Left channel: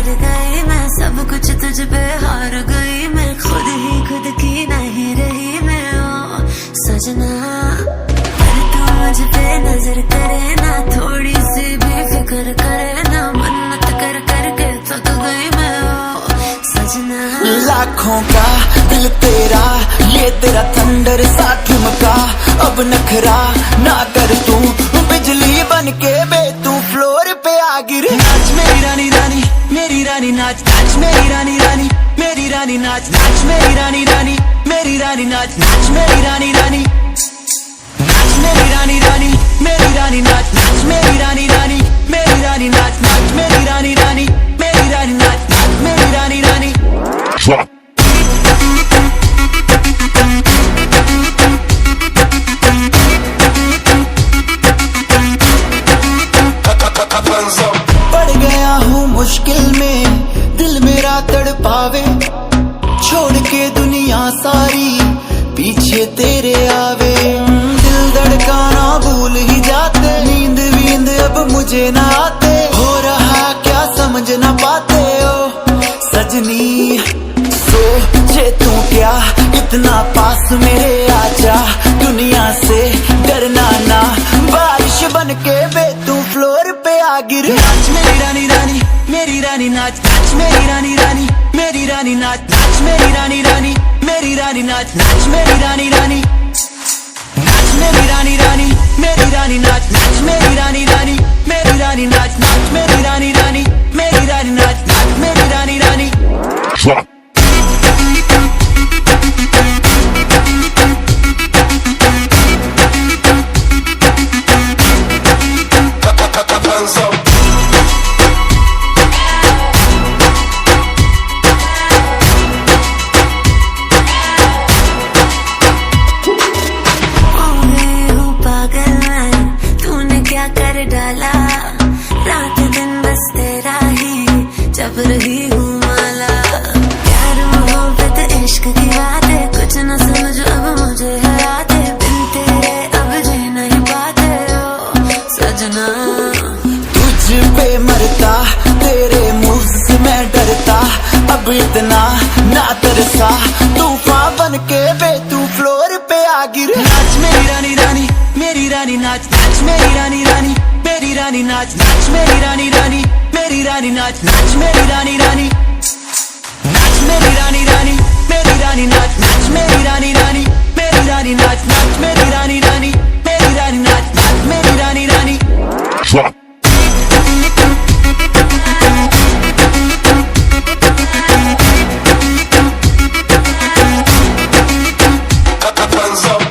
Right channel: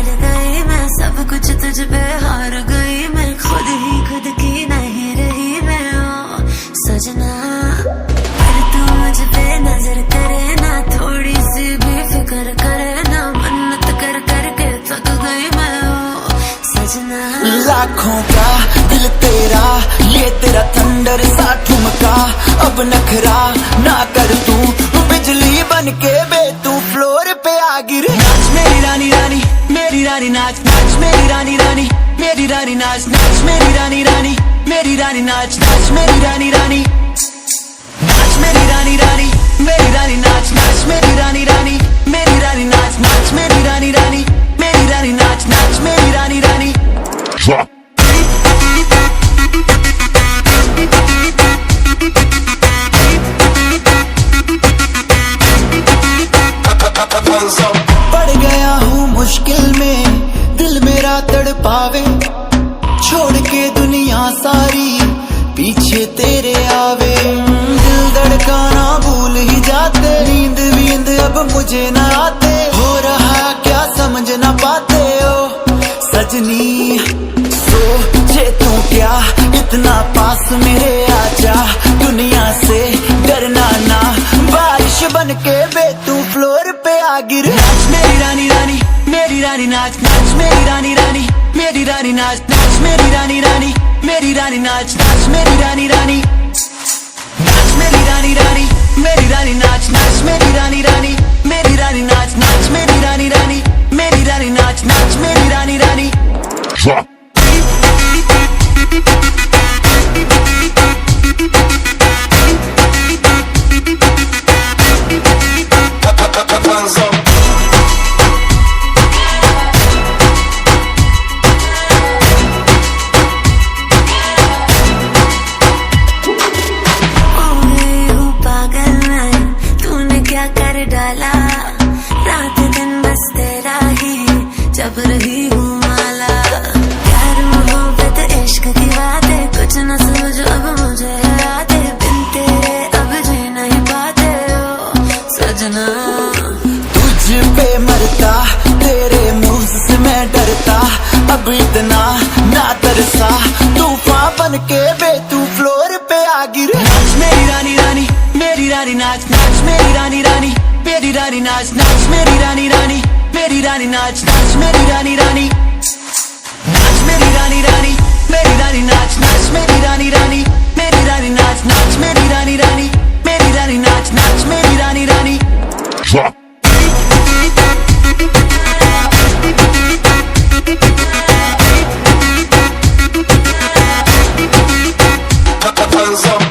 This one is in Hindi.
हार गई मैं, सब कुछ तुझ पे हार गई मैं, खुद की नहीं रही मैं ओ सजना। पर तू मुझ पे नजर करे ना, थोड़ी सी भी फिक्र करे ना, मन्नत कर करके थक गई मैं ओ सजना। लाखों का दिल तेरा, ये तेरा थंडर सा ठुमका, अब नखरा ना कर तू, बिजली बन के बे तू फ्लोर पे आ गिरे। नाच मेरी रानी रानी, मेरी रानी नाच, नाच मेरी रानी रानी, मेरी रानी नाच, नाच मेरी रानी रानी, मेरी रानी नाच, नाच मेरी रानी रानी, नाच मेरी रानी रानी, मेरी रानी नाच, नाच मेरी रानी रानी, मेरी रानी नाच, नाच मेरी रानी रानी, मेरी रानी नाच, नाच मेरी रानी रानी। पड़ गया हूँ मुश्किल में, दिल मेरा तड़पावे, छोड़ के दुनिया सारी पीछे तेरे आवे। दिल धड़काना भूल ही जाते, नींद वींद अब मुझे न आते, हो रहा क्या समझ न पाते ओ सजनी। सोचे तू क्या इतना पास मेरे आजा, दुनिया से डरना ना, बारिश बन के बे तू फ्लोर पे आ गिर। नाच मेरी रानी रानी, मेरी रानी नाच, नाच मेरी रानी रानी, मेरी रानी नाच, नाच मेरी रानी रानी, मेरी रानी नाच, नाच मेरी रानी रानी, नाच मेरी रानी रानी, मेरी रानी नाच, नाच मेरी रानी रानी, मेरी रानी नाच, नाच मेरी रानी रानी, मेरी रानी नाच, नाच मेरी रानी रानी। क्या कर डाला, रात दिन बस तेरा ही जब रही हूँ माला। प्यार मोहब्बत इश्क की बातें कुछ न समझ अब मुझे हराते, बिन तेरे अब जी नहीं पाते ओ सजना। तुझ पे मरता, तेरे मूव्स से मैं डरता, अब इतना ना तरसा, तूफान बन के बे तू फ्लोर पे आ गिर। नाच मेरी रानी रानी, मेरी रानी नाच, नाच मेरी रानी रानी, मेरी रानी नाच, नाच मेरी रानी रानी, मेरी रानी नाच, नाच मेरी रानी रानी, नाच मेरी रानी रानी, मेरी रानी नाच, नाच मेरी रानी रानी, मेरी रानी नाच, नाच मेरी रानी रानी, मेरी रानी नाच, नाच मेरी रानी रानी। Hands up.